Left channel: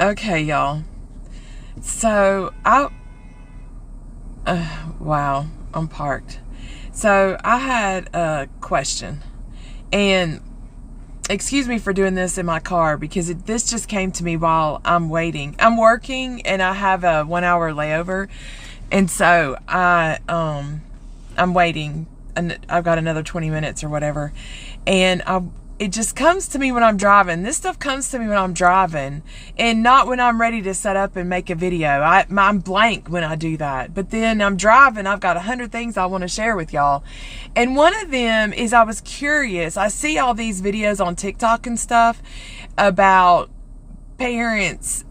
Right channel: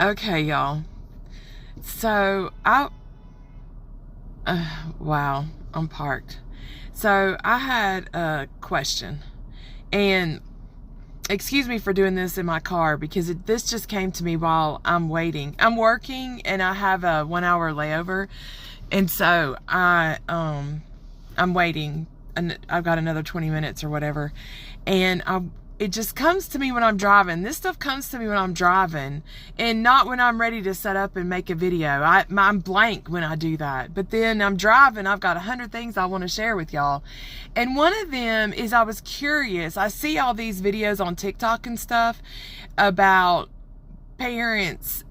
Okay, y'all. So wow, I'm parked. So I had a question, and excuse me for doing this in my car because this just came to me while I'm waiting. I'm working and I have a 1 hour layover, and so I'm waiting, and I've got another 20 minutes or whatever, and it just comes to me when I'm driving. This stuff comes to me when I'm driving and not when I'm ready to set up and make a video. I'm blank when I do that. But then I'm driving, I've got 100 things I want to share with y'all. And one of them is I was curious. I see all these videos on TikTok and stuff about parents,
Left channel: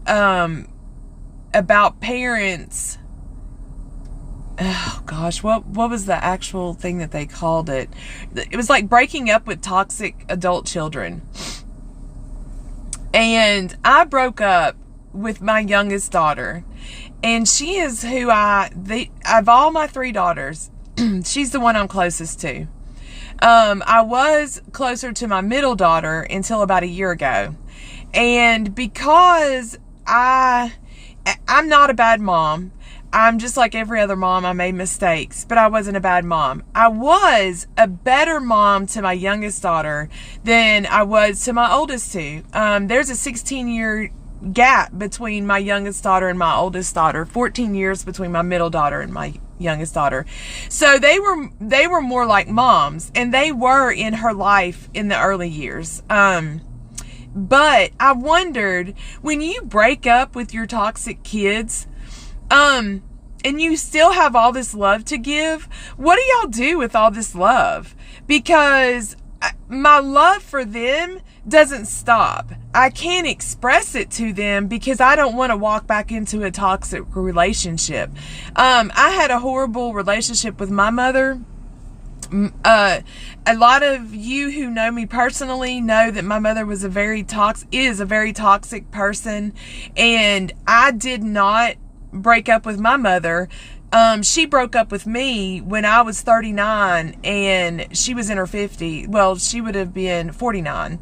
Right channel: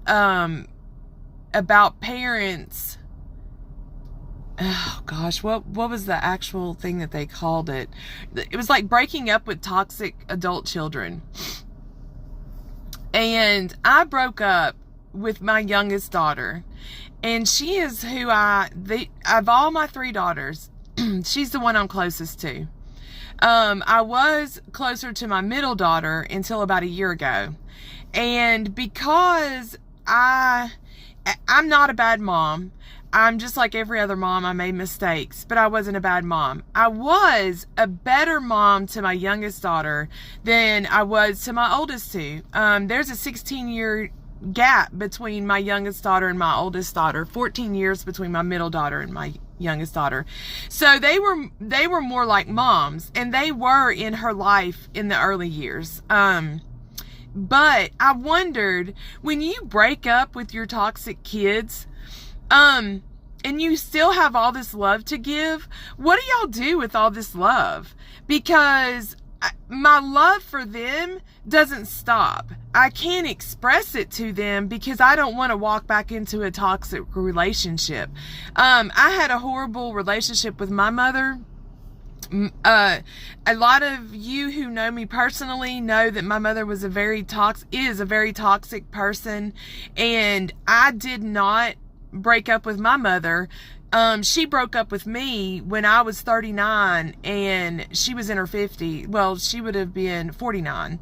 oh gosh, what was the actual thing that they called it? It was like breaking up with toxic adult children. And I broke up with my youngest daughter, and she is who of all my three daughters, she's the one I'm closest to. I was closer to my middle daughter until about a year ago. And because I'm not a bad mom, I'm just like every other mom. I made mistakes, but I wasn't a bad mom. I was a better mom to my youngest daughter than I was to my oldest two. There's a 16-year gap between my youngest daughter and my oldest daughter, 14 years between my middle daughter and my youngest daughter. So they were more like moms, and they were in her life in the early years. But I wondered, when you break up with your toxic kids, and you still have all this love to give, what do y'all do with all this love? Because my love for them doesn't stop. I can't express it to them because I don't want to walk back into a toxic relationship. I had a horrible relationship with my mother. A lot of you who know me personally know that my mother is a very toxic person, and I did not break up with my mother. She broke up with me when I was 39 and she was in her 50s. Well, she would have been 49.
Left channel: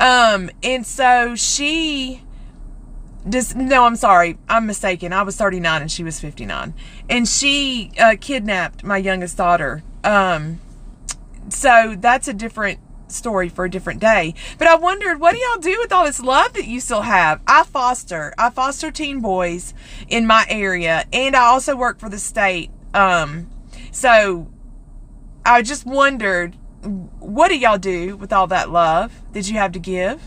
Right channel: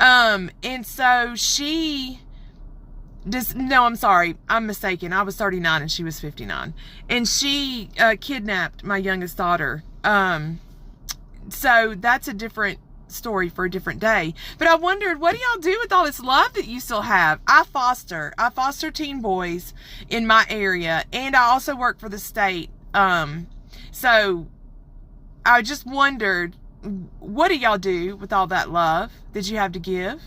And so I'm sorry, I'm mistaken. I was 39 and she was 59. And she kidnapped my youngest daughter. So that's a different story for a different day. But I wondered, what do y'all do with all this love that you still have? I foster teen boys in my area, and I also work for the state. So I just wondered, what do y'all do with all that love that you have to give?